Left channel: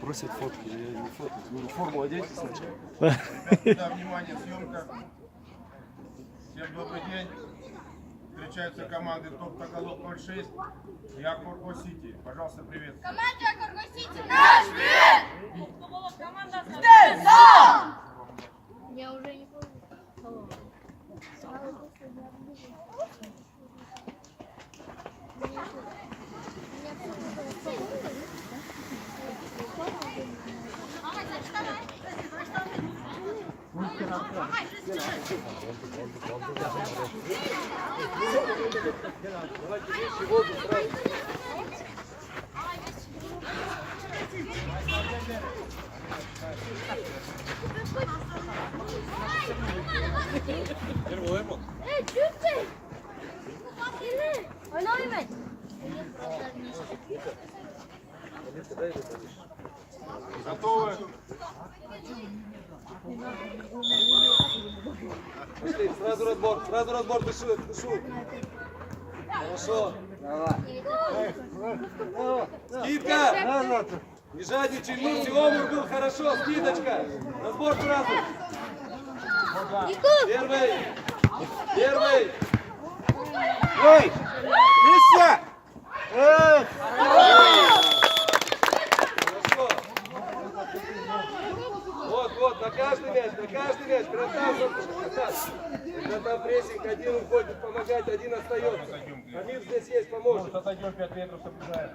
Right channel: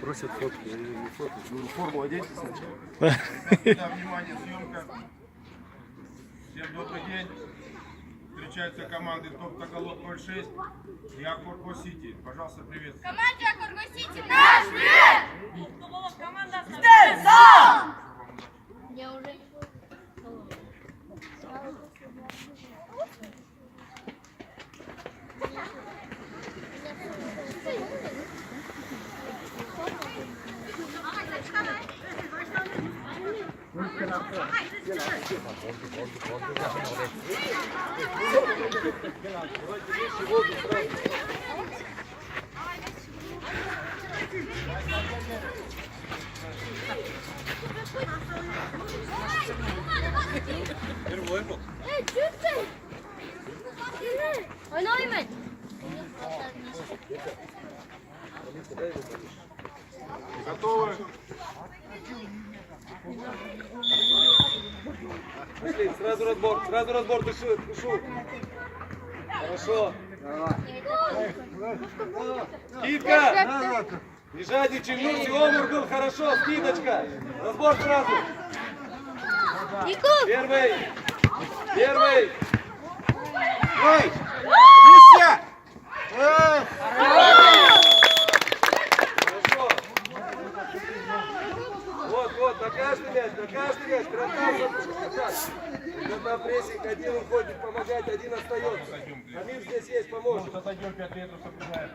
Просят фотку, я не фотку, говорю, форму оденьте сначала. Да, внимание, съемка. Всем добрый день. Встречаются команды Топ Тагалок 06 и Аккорго Сити. Пожалуйста, привет. Команде Аккорго Сити наш привет! Команда Я уже не помню. Готовы? Пошли, сразу разбор, душу. Хорошо. Скидка! Не жадничай, Мурси, омур был, хорошо, скидочка. Разбор сразу. Первый. Эй! Миссия! Хорошо. Вот, на каждый мяч, когда там прессинг, один уходит помогать, один остается. Камиль здесь есть, поможет. Отойдем 5 метров, соблюдаем.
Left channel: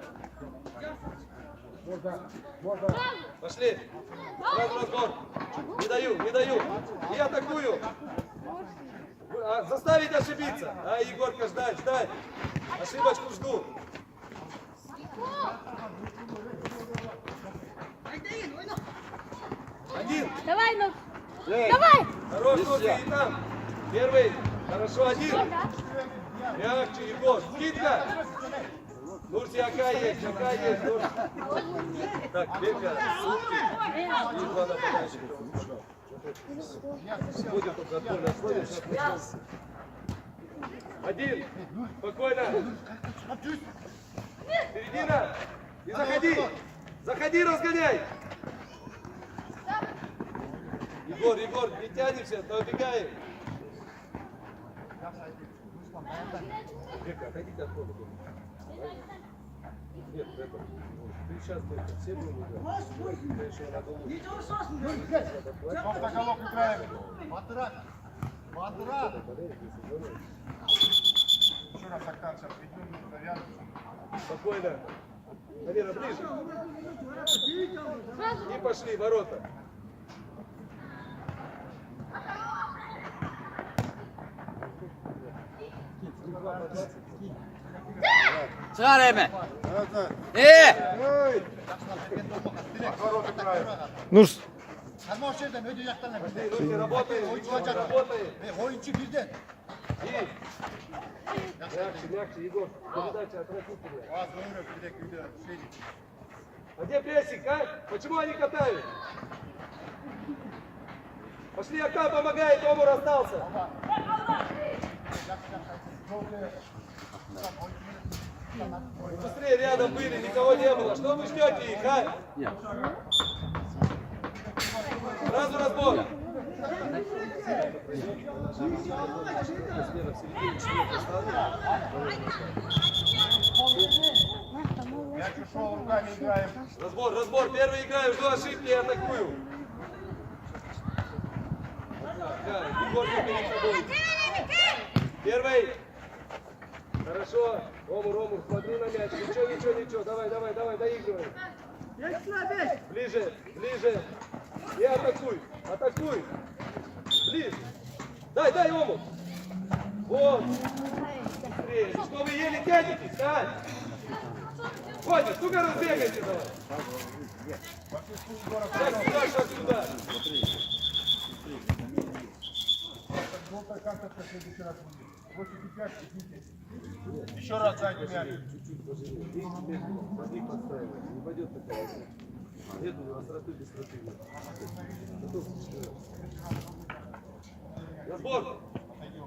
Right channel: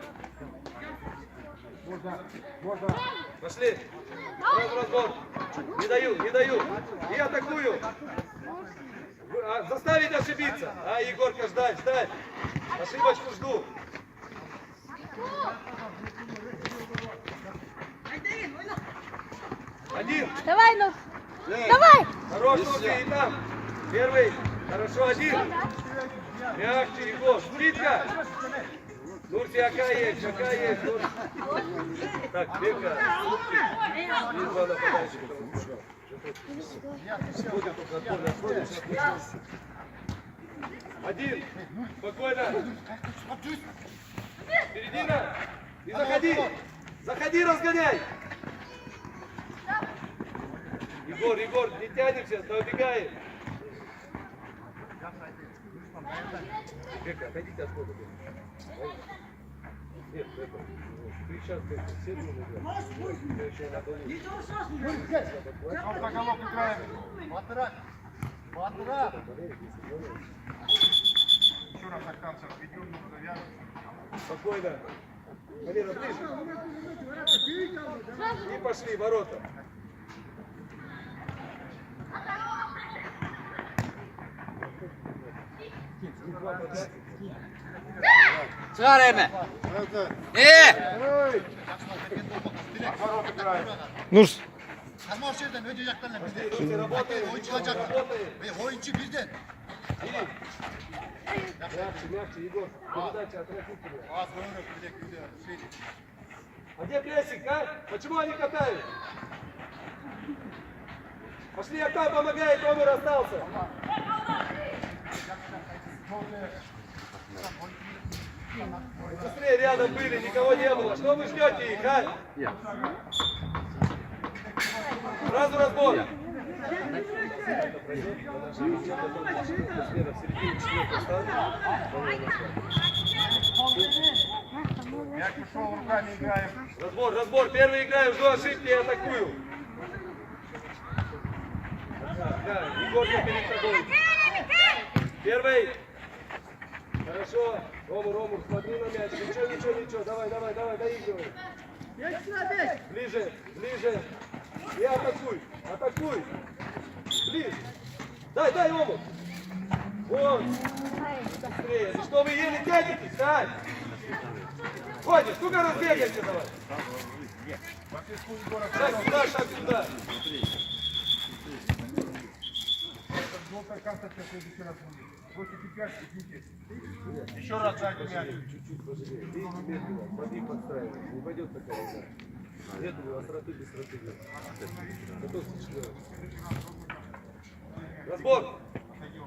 Можно. Пошли. Сразу разбор. Не даю. И атакую. Заставить ошибиться. Егорка, ждать. Ошибочку жду. Один. Давай, ну. Давай! Хорош, Нурси, и там. Первый. Хорошо, один. Мягче, Егор. Скидка. Нурси, ака есть. Нурси. Так, Бека. И два нападающих. Будем только отбой находиться. Один. Спокойно. Середина. И заходи, разгоняй. Егор, не тянемся, но убегаем. Бека, отойдите от хода. Нет, это. Ты сейчас все ты еще на голову. Топ Тагалок играем. Еще раз октанцев ведем, навяжем. Спокойно. Валера, ближе. И пошли, ворота. Sıra Reme. Отворот играем. Nurs. Sarmaş yerden önce yaktan Руки работаем. oyuncu olacak. Oyuncu birden. Мягче, Егор. Передача от руки. Az önüne bir dakika gidiyor. А где прессинг, а? Почему они катают? Пошли, Ака помогает, Омур остался. Быстрее рядом были, никого не было. Что вы ждете их, а? Сразу разбор. Мяч ушел, руками играем. Разбор. Первый играю, жду ошибки и атакую. Да, Егор перед тобой. Первый. Хорошо. Омур, смотри на мяч. Ничего. Давай, доигрывай. Ближе. И атакуй. Ближе. Дай, Омур. Вот. Быстрее. И что вы еле тянетесь, а? Хватит, ну-ка разбегайся давай. Шаг сюда. Желтая карточка в следующий раз будет. Бросите 5, идите. Еще раз дайте мяч. Чуть-чуть пожалеем. Видите, медленно, пробег подстраивается. Не пойдет такая. Медленно, остроты без стратегии. Разбор.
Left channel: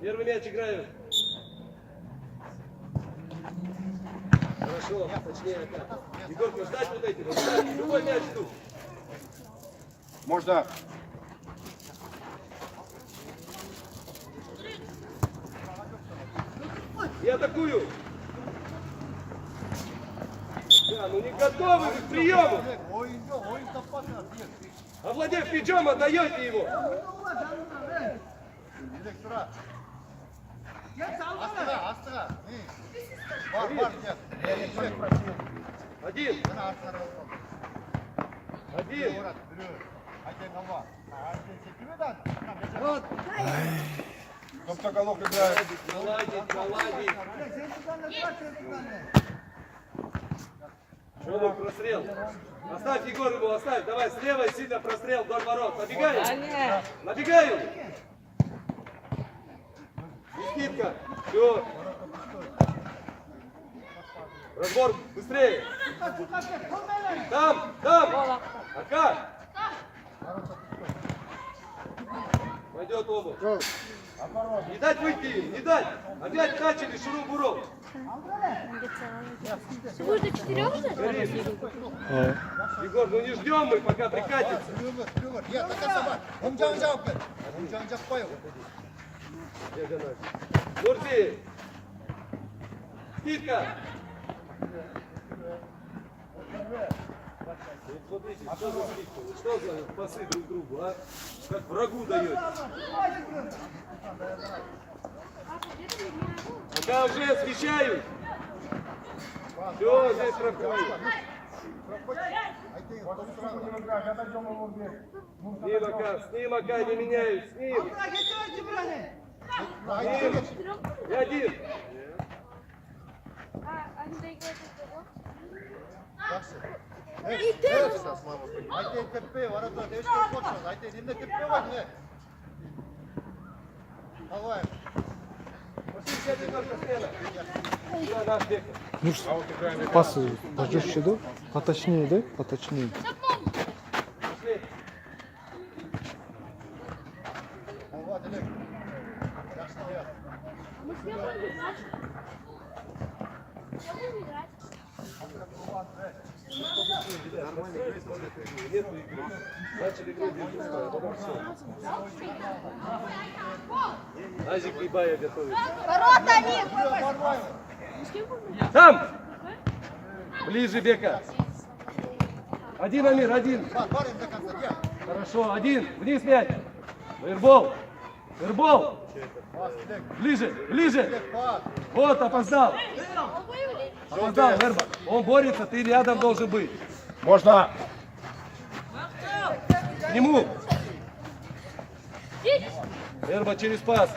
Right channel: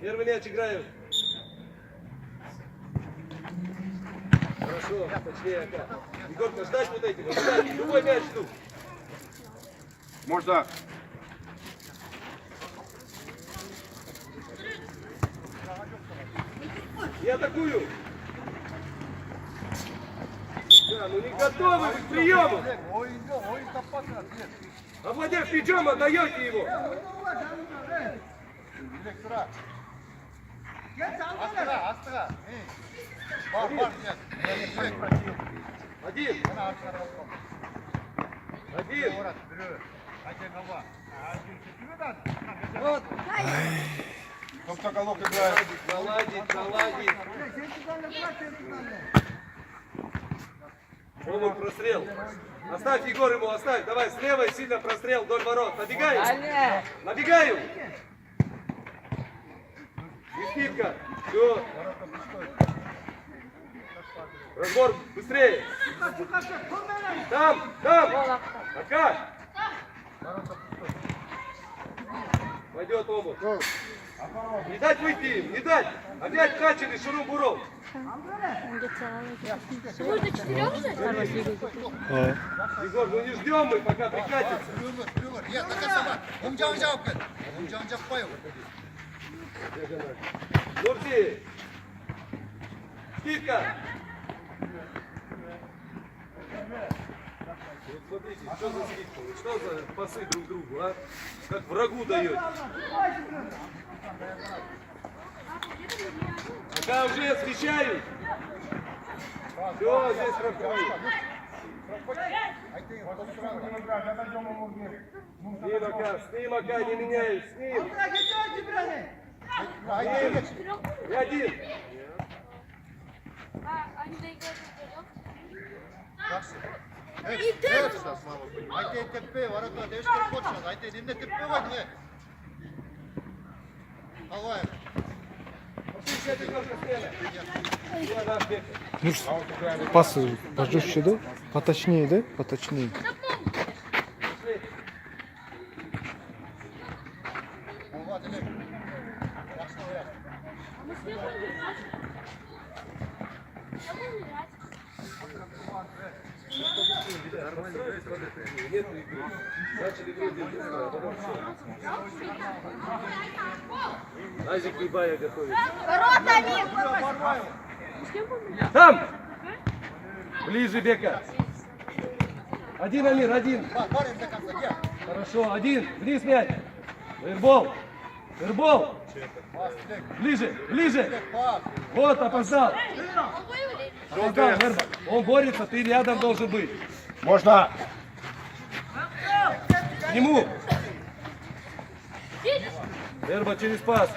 Первый мяч играем. Хорошо, точнее, Ака. Егорка, ждать вот эти. Ждать. Любой мяч тут. Можно. Я атакую. Да, ну не готовы к приему. Овладев мячом, отдаете его. Astıra. Var gel. Один. Один. Топтоголовка играет. Наладить, наладить. Рома, прострел. Оставь, Егор, ему оставь. Давай, слева и сильно прострел вдоль ворот. Набегаем. Набегаем. Никитка. Все. Разбор, быстрее. Там. Пока. Пойдет оба. Не дать выйти, не дать. Опять качали, шуру-буру. Вы до 4 уже? Егор, ну не ждем мы, пока прикатится. Ya takar sabah. Omca cevap ver. Omca koy. Нурти. Скидка. Вот смотрите, что за скидка, вот что за пасы друг другу, а? Как врагу даете. Пока уже освещают. Все, здесь проходит. С ним, Ака, не меняюсь, с ним. И один. Они доиграют вдвоем. Ayte tepeye var hatta değişik koçlar. Ayte dinle tepeye var ne? Hava. Все, наш бег. Ну ж, пасы пожестче, да? Поточнее, да? Поточнее. Hava dilek. Мы с Егором играть. Нету игры. Начали вроде быстро, а потом все. Азик Бибая готовится. Ворота них! Там! Ближе, Бека. Один, Амир, один. Хорошо, один. Вниз мяч. Эрбол. Эрбол. Ближе. Вот, опоздал. Опоздал, Эрба. Он борется, ты рядом должен быть. Можно. К нему. Эрба через пас.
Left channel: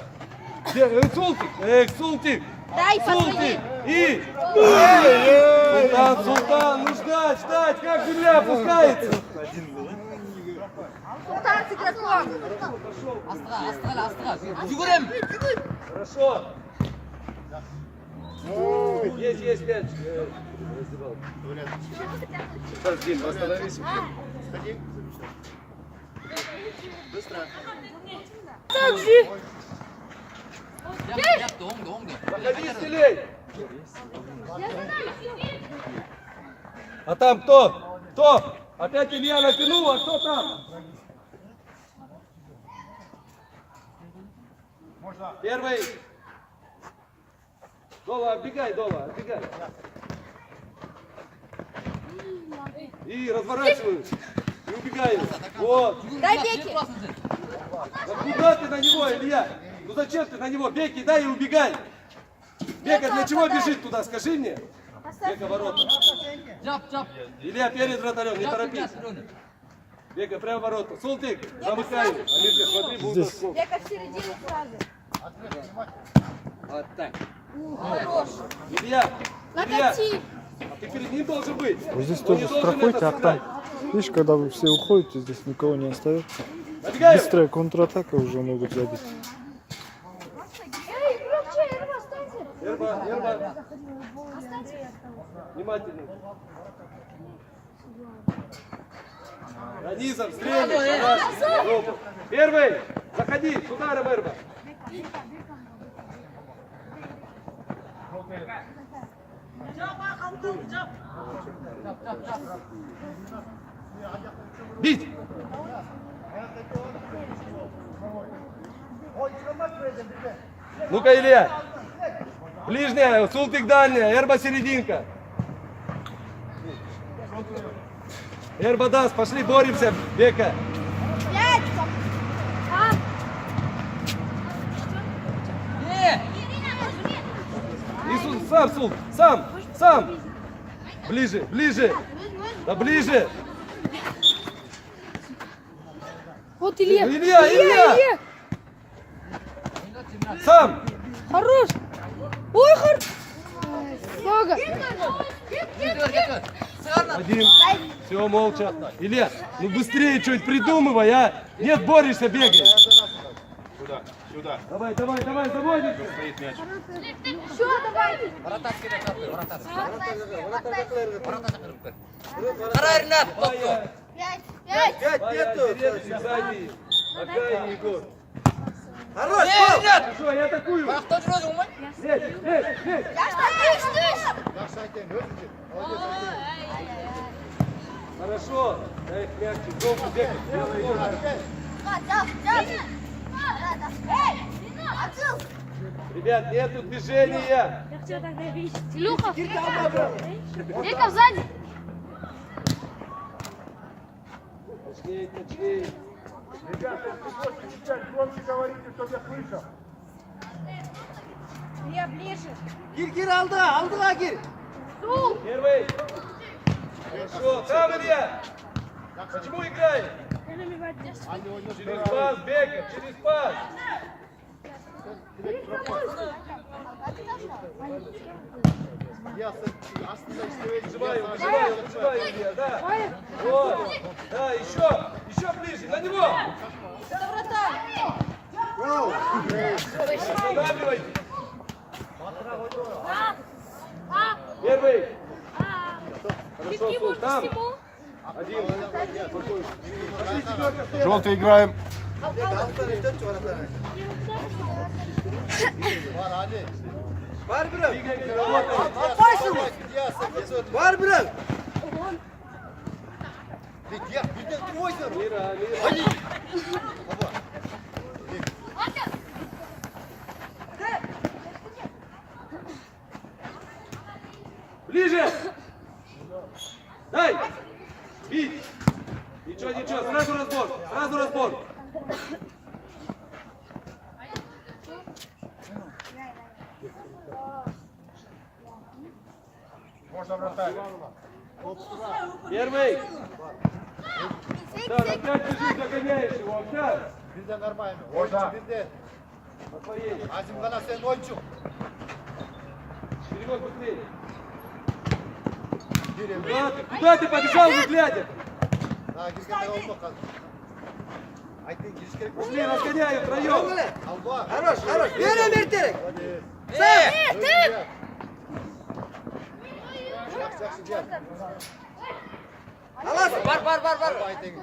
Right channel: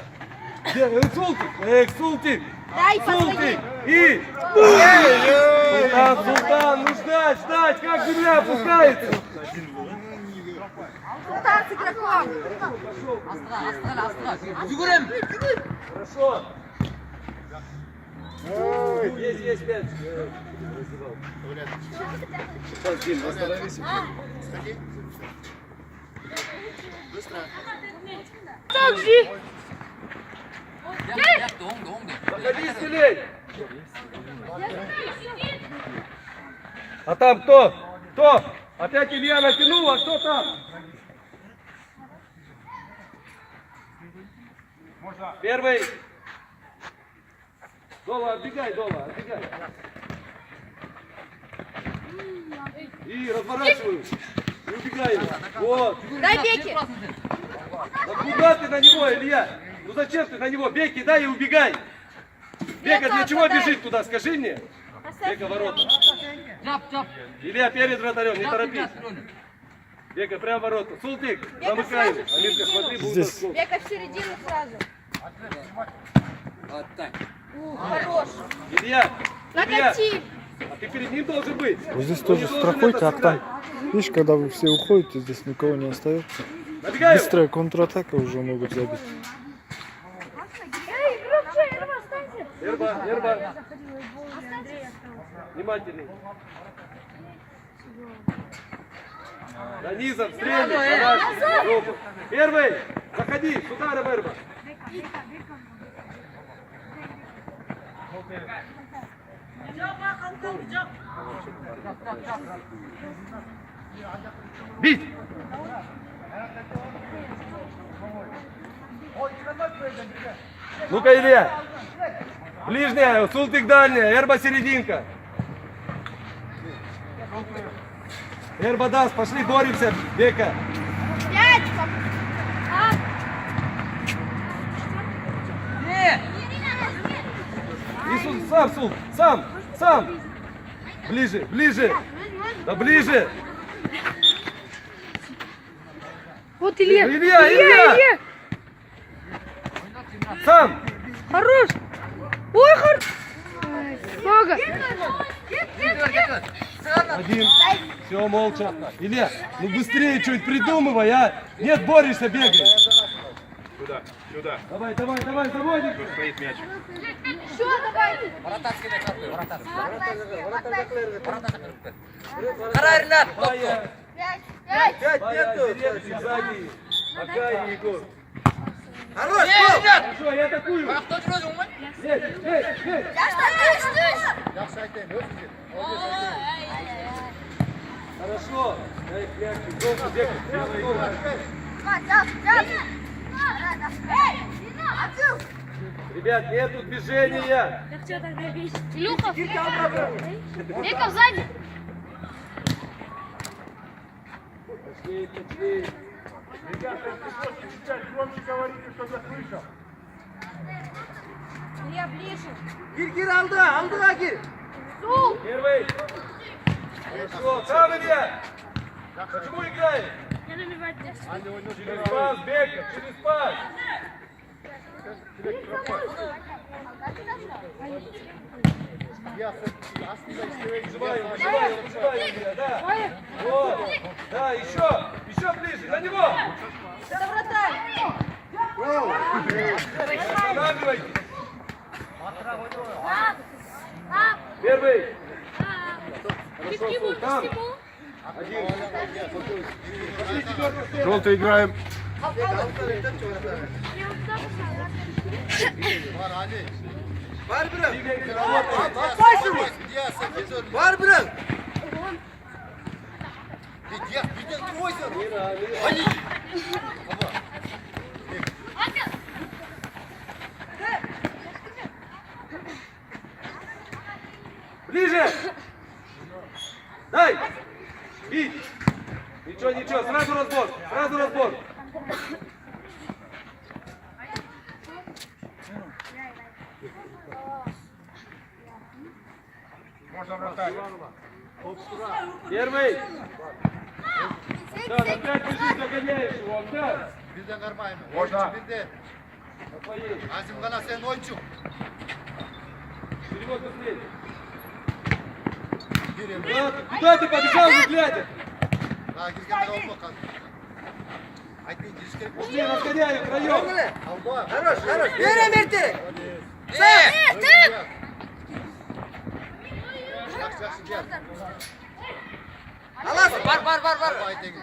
Султик. Дай Султик. И... Султан, ну ждать, как земля опускается. Хорошо. Есть мяч. Сейчас, Дим, остановись. Заходи, стелей. А там кто? Кто? Опять Илья натянул, а кто там? Первый. Дола, отбегай. И разворачиваю. И убегаю. Вот. Дай Беки! Да куда ты на него, Илья? Ну зачем ты на него? Беки, дай и убегай. Бека для чего бежит туда, скажи мне? Бека ворота. Илья перед вратарем, не торопись. Бека прямо ворота. Султик, замыкай. Амирка, смотри, будет Здесь. отскок. Бека в середину сразу. Вот так. Хорош. Илья, Накати. а ты перед ним должен быть. Вот здесь Он тоже не должен страхуйте, это а там, видишь, когда вы все уходите, здесь никого не остается. Набегаю. Быстрая контратака уже могут забить. Эй, громче, Эрва, останься. Верба. Внимательней. Да низом, стрельни. Первый. Заходи. Сюда, Верба. Бить! Ну-ка, Илья! Ближняя, Султык дальняя, Эрба серединка. Эрба даст, пошли, боремся, Бека. Сам, Сул, сам. Ближе, ближе. Да ближе. Вот Илья. Илья. Сам. Хорош. Ой, хорош. Много. Один. Все, молча. Илья, ну быстрее что-нибудь придумывай, а? Нет, борешься, бегаешь. Сюда, сюда. Давай, заводим. Тут стоит мяч. Все, давайте. Karar Rınat. Пая, Пять. сзади. Пока, Егор. Хорош. Хорошо, я атакую. Кто жүреді оңай? Нет. Yaxshi aytaymi, o'zingizga. Хорошо. Дай мячик, голову, Бека. Ребят, нету движения. Люха. Века сзади. Точнее. Ребята, если можете чуть громче говорите, чтобы я слышал. Я ближе. Gir aldığa gir. Первый. Хорошо. Сам, Илья. Почему играем? Через пас, Бека, через пас. Вызывай, Илья, да. Вот. Да, еще ближе, на него. Останавливайте. Первый. Хорошо, там. Один. Пошли, четвертый. Желтый играем. Var bırak. Gidiyorsun. Var bırak. Gidiyorsun. Мира. Ближе! Дай! Бить! Ничего, сразу разбор! Можно вратарь. Первый! Да, опять бежишь, догоняешь его, да? Bizde нормально. Можно. Oyuncu bizde. На твоей. Azim Kana senin oyuncu. Перевод быстрее. Gireyim. Куда ты побежал, не глядя? Ha girgenler olma kaldı. Aytayın giriş gerek yok. Быстрее разгоняю втроем. Allah. Хорош. Ver Emir'di. Yaxşı yaxşı gel. Alasın. Var. Aytayın.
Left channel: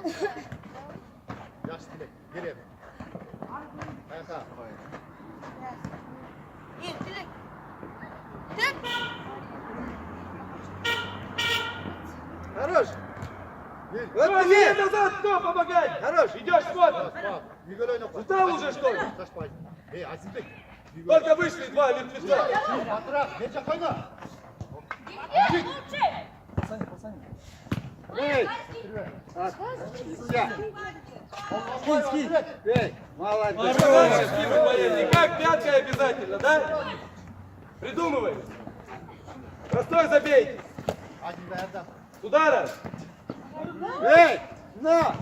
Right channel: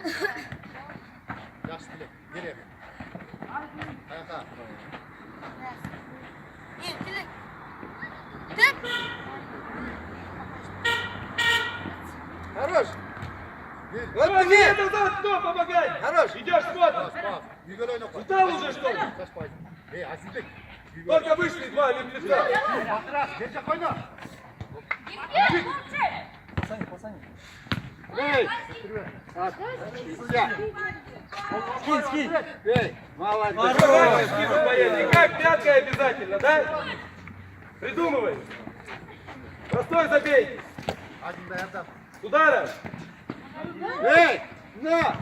Yaxşı dilek. Gireyim. Kanka. Хорош. Вот ты назад, кто помогай? Хорош. Идешь, смотришь. Bak. Yügel oyna. Устал уже, что ли? Kaç payı? Azizbek. Только вышли два, не пришла. Batırak. Gerçek oyna. Эй, Скинь. Эй, молодец. дальше скидывай военный. Как пятая обязательно, да? Придумывай. Простой забейте. Hadi be Erdem. С удара. Эй, на.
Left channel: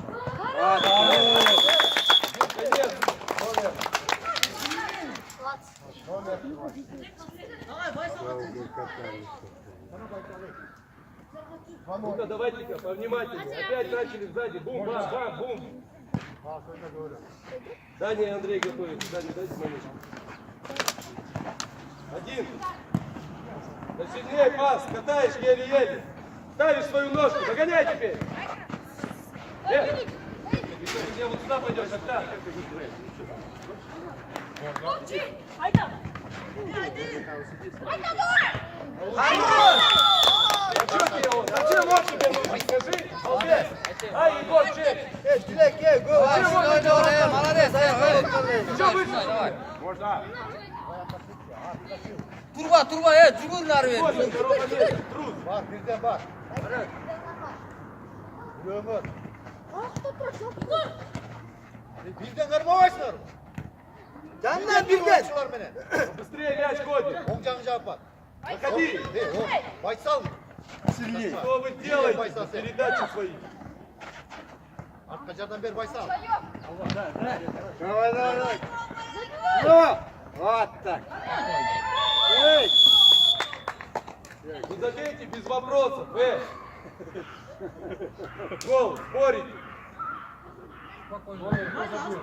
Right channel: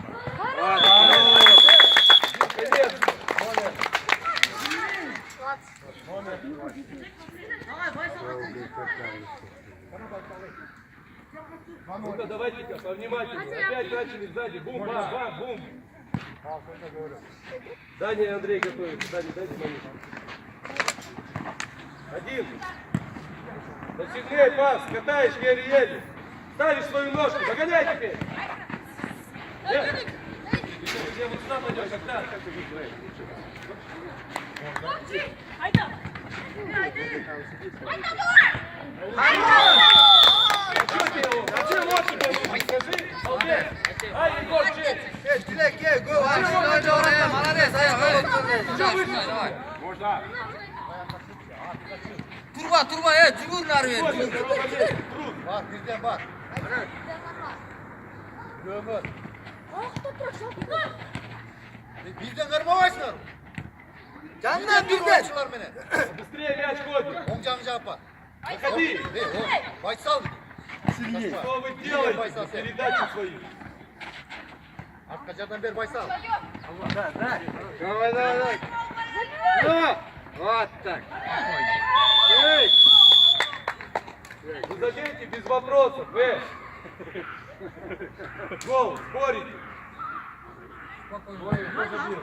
Ну-ка, давайте-ка, повнимательнее. Опять начали сзади. Бум, бам, бум. Даня, Андрей готовится. Даня, дайте манишку. Один. Да сильнее пас, катаешь еле-еле. Ставишь свою ножку, догоняй теперь. Нет. Ты вот сюда пойдешь, а так. Hayda. Hayda. дальше пойду, скажи, молодец. Ай, Егор, чей? Dilek gel. Go. Oyna oraya. Malades. Что выше? Можно. Turba. Cumhur Егор, narı. здорово, лезь, Брус. Bak bizden bak. Gömür. Bizden kırma başlar. Candan birden. Başlar beni. Быстрее мяч ходит. Omcan cevap var. Выходи. Başsal. Что вы делаете? Передачи свои. Kaçardan beri başsal. Давай. Ну. Вот так. Эй. Вы забейте без вопросов, Гол, спорите. Ой, кто забил?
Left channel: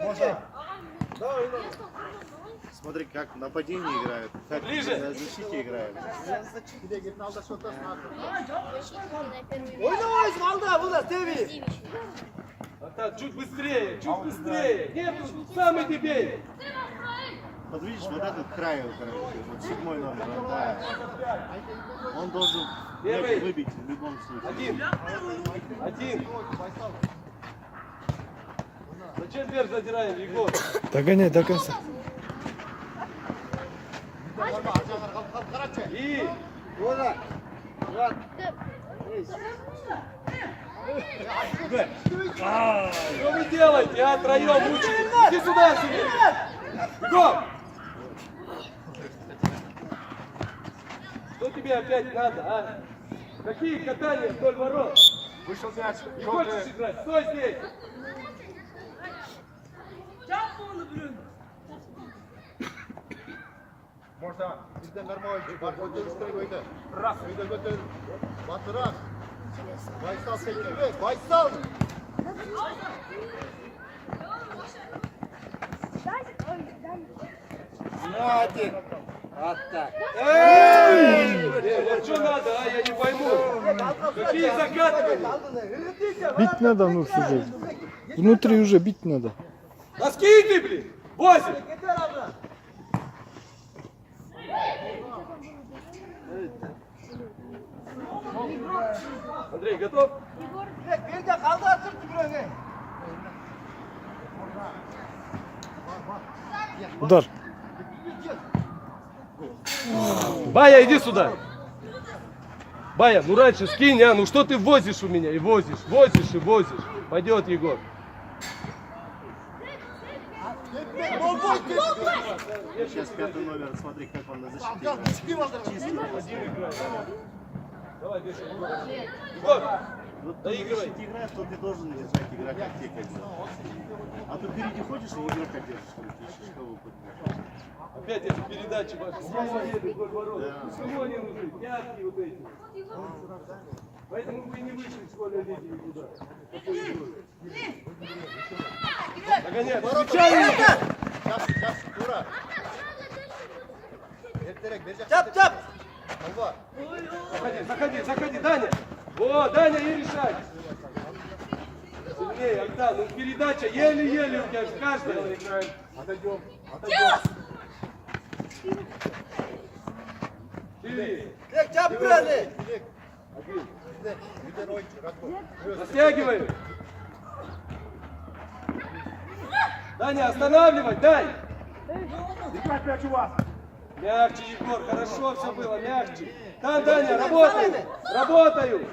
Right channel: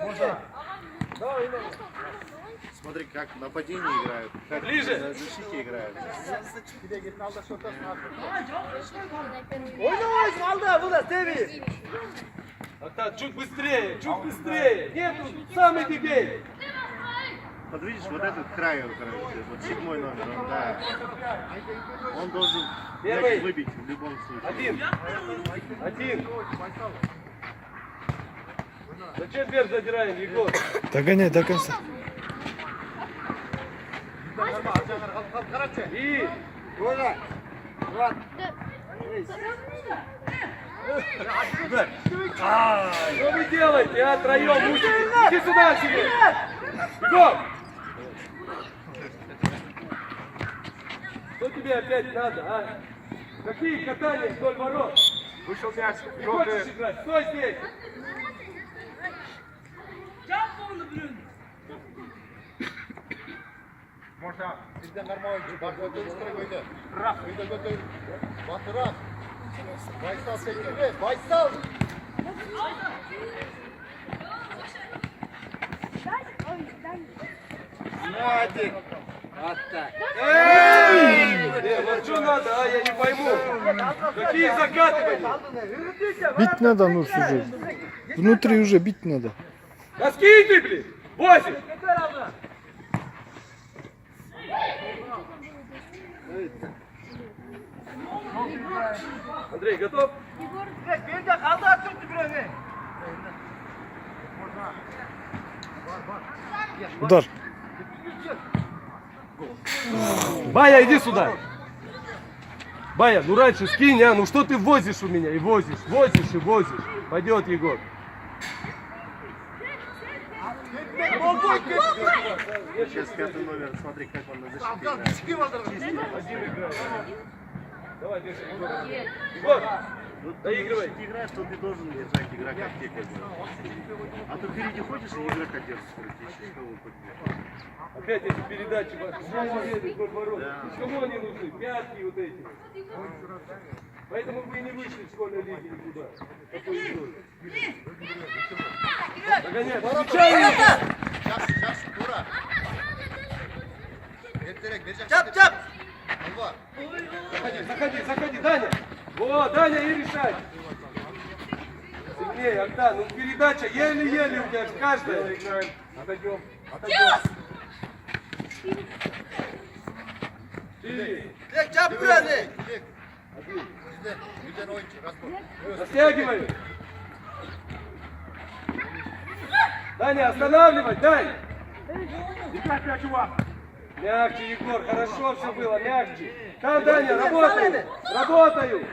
Можно. Смотри, как в нападении играют, как Ближе. в защите играют. Oynamayız kaldı. Bu da seviyor. Чуть быстрее, чуть быстрее. Нету, сам иди бей. Вот видишь, вот этот край, вот 7 номер, он, да, он должен Первый. выбить в любом случае. Один. Зачем вверх задираем, Егор? Догоняй до конца. И Burada. Вот. что вы делаете, а? Троем мучаетесь. Иди сюда, Сергей. Егор! Что тебе опять надо, а? Какие катания вдоль ворот? Вышел мяч. Не хочешь играть? Стой здесь! Можно. Bizden normal bak o dönüşleri böyle. Ras. Böyle. Bak ras. Baysal sektirme. Baysal. Hadi. Вот так. Вот что надо, а? Я не пойму. Какие закатывания? Бить надо, ну, уже. Внутри уже бить надо. Да скинь ты, блин! 8! Андрей, готов? Bir de kaldı attırdı bir öne. Удар. Бая, иди сюда! Бая, ну раньше скинь, а? Ну что ты возишь у меня? И возишь, и возишь. Пойдет, Егор. Сейчас 5 номер, смотри, как он на защите. Давай, держи, Егор. Егор, доигрывай. Если ты играешь, то ты должен держать игрока в тех. А то впереди ходишь и игрока держишь. Опять эти передачи. Кому они нужны? Пятки вот эти. Поэтому вы не вышли в школьной лиге никуда. Догоняй, отвечай! Сейчас, дура. Çap. Заходи, Даня! О, Даня, и решай! Сильнее, Альтан, ну передача еле-еле у тебя каждая. Играем. Отойдем. Ты Dilek çap bir öne. Bizden oyuncu. Raspor. растягивай. Даня, останавливай, Дань! Играть мяч у вас. Мягче, Егор, хорошо все было, мягче. Там, Даня, работаю.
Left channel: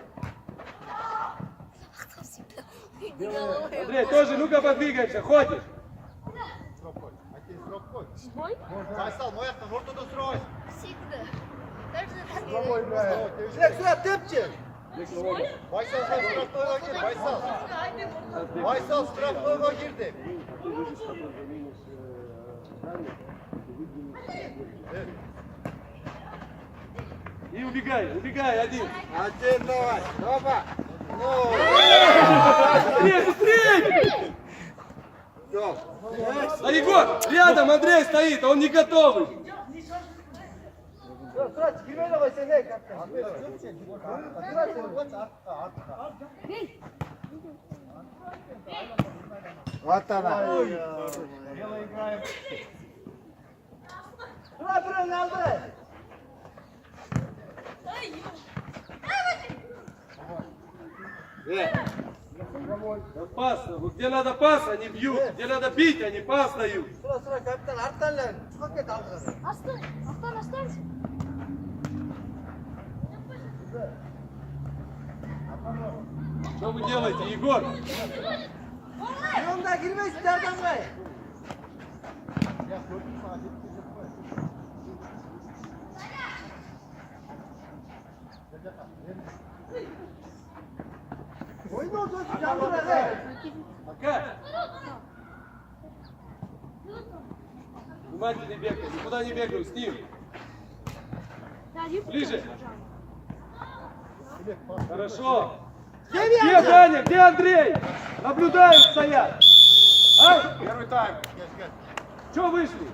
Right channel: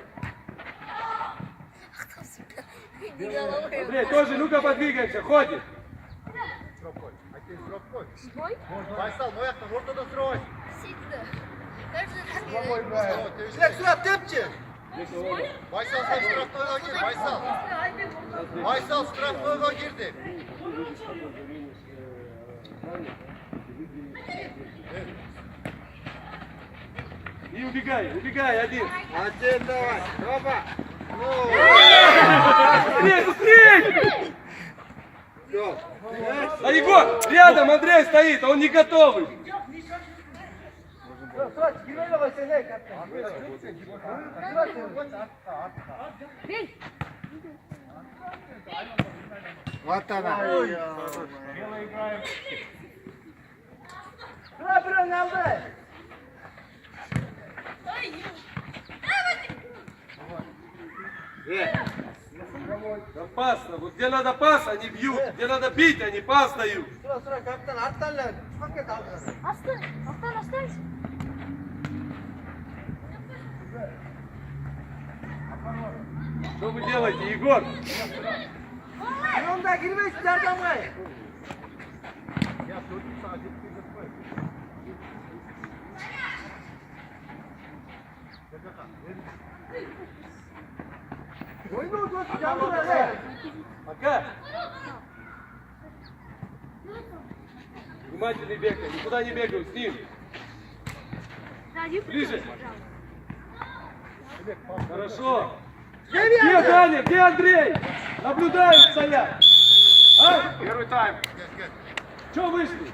Андрей, тоже, ну-ка подвигаемся, ходишь. Baysal, bu ayakta ortada sürüyor. Dilek surat tepçi. Baysal sen straflığa gir. Baysal. Baysal straflığa girdi. И убегай, один. Один давай. Опа. Ну. Быстрее! Yok. А Егор, рядом Андрей стоит, он не готовый. Surat girmeyle koy sen ne kaptan. Вот она. Дело играем. Bırak bir öne Опасно. Вот где надо пас, они бьют. Где надо бить, они пас дают. Sıra kaptan arttan lan. Çok et aldı. Astın. Aslan. Что вы делаете, Егор? Yolda girme isterden be. Oyunu oldu. Пока. Внимательный бегай. Никуда не бегаю, с ним. Ближе. Хорошо. Где Даня? Где Андрей? Наблюдают стоять. Ай! Первый тайм. Что вышли?